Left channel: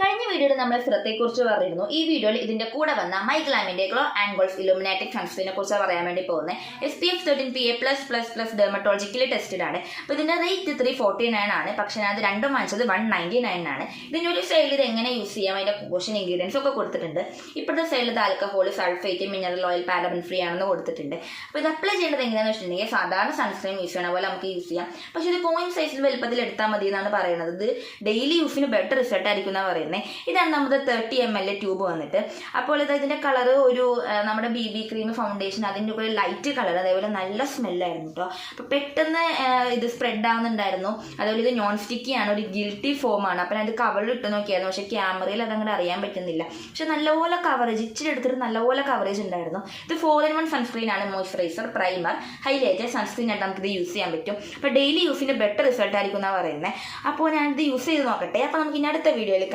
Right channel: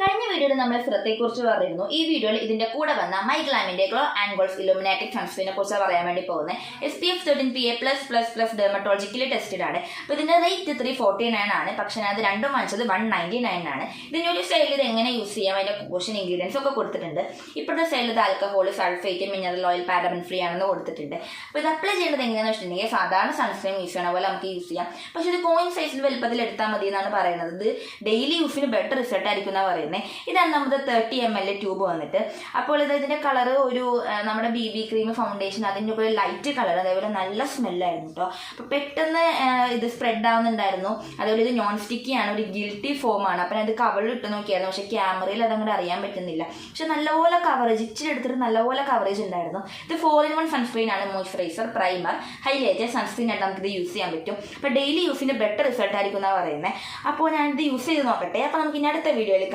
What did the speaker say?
കഴിഞ്ഞ വീഡിയോയിൽ നമ്മൾ ശ്രദ്ധയെക്കുറിച്ച് പറഞ്ഞിരുന്നു. ഈ വീഡിയോയിൽ ഇതിന്റെ കൂടെ വന്ന മൈഗ്ലാമിന്റെ ഗ്ലോ ആൻഡ് ഗോൾസ് ഇലുമിനാറ്റിക് സൺസ്ക്രീനെ കുറിച്ച് പറയാൻ വേണ്ടി പോകുന്നത്. SPF 13 PA+++ ഡെർമറ്റോളജിക്കലി ടെസ്റ്റഡ് ആണ്. അപ്പോൾ ഇതിന്റെ റേറ്റ് 349 ആണ്. പക്ഷെ ഞാൻ അത് രണ്ടും വാങ്ങിച്ചത് 199 ആണ്. ഇതിന്റെ ഒരു സൈഡിൽ ഇത് എങ്ങനെ യൂസ് ചെയ്യാം, അതിന്റെ കോഷൻ ഇൻഗ്രീഡിയൻസ് ഒക്കെ കൊടുത്തിട്ടുണ്ട്. ഇപ്പോഴത്തെ സൈഡിൽ ഇത് alcohol, sulphate, mineral oil, paraben free ആണെന്ന് കൊടുത്തിട്ടുണ്ട്. അപ്പോൾ ഇത് അപ്ലൈ ചെയ്യേണ്ടത് എങ്ങനെയാണെന്ന് വെച്ചിട്ടുണ്ടെങ്കിൽ സാധാരണ സൺസ്ക്രീൻ യൂസ് ചെയ്യണ പോലെ നമുക്ക് യൂസ് ചെയ്യാം. പക്ഷെ ഇത് കോയിൻ സൈസിൽ വലുപ്പത്തിൽ എടുത്താൽ മതി എന്നാണ് പറയുന്നത്. ഇത് ഡെയിലി യൂസിന് ബെറ്റർ റിസൾട്ട് ആയിരിക്കും എന്നാണ് പറയുന്നത്. ഇതാണ് നമ്മുടെ 30 ml ട്യൂബ് വന്നിട്ട്. അപ്പോൾ ഇതിന്റെ കളർ ഒരു നമ്മുടെ BB ക്രീം ഫൗണ്ടേഷൻ അതിൻ്റെ ഒരു ലൈറ്റ് കളർ, അതേപോലെ നല്ല സ്മെല്ലായിരുന്നു കേട്ടോ. അപ്പോൾ പെട്ടെന്ന് ഇത് സ്പ്രെഡ് ആവുന്നുണ്ടായിരുന്നു. അതേപോലെ ഇത് നോൺ സ്റ്റിക്കി ആണ്, ഒരു ഗിൽറ്റി ഫോമാണ്. അപ്പം ഞാൻ ഇത് കവറിൽ ഇട്ട് നോക്കിയായിരുന്നു, പക്ഷേ ക്യാമറയിൽ അതങ്ങോട്ട് അറിയാൻ പറ്റുന്നില്ല. പക്ഷെ നല്ലപോലെ കവറേജ്, ഇച്ചിരി എടുത്തിട്ട് നല്ലപോലെ കവറേജ് ഉണ്ടായിരുന്നു. ഇത് 4-in-1 സൺസ്ക്രീൻ ആണ്. മോയ്സ്ചറൈസർ, പ്രൈമർ, ഹൈലൈറ്റർ, സൺസ്ക്രീൻ ആയിട്ട് നമുക്കിത് യൂസ് ചെയ്യാൻ പറ്റും. അപ്പോൾ ഡെയിലി യൂസിന് ബെറ്റർ റിസൾട്ട് ആയിരിക്കും എന്നാണ് പറയുന്നത്. അപ്പോൾ ഞാനിത് യൂസ് ചെയ്ത് നോക്കട്ടെ. അപ്പോൾ നമുക്ക് ഇനി അടുത്ത വീഡിയോയിൽ കാണാം.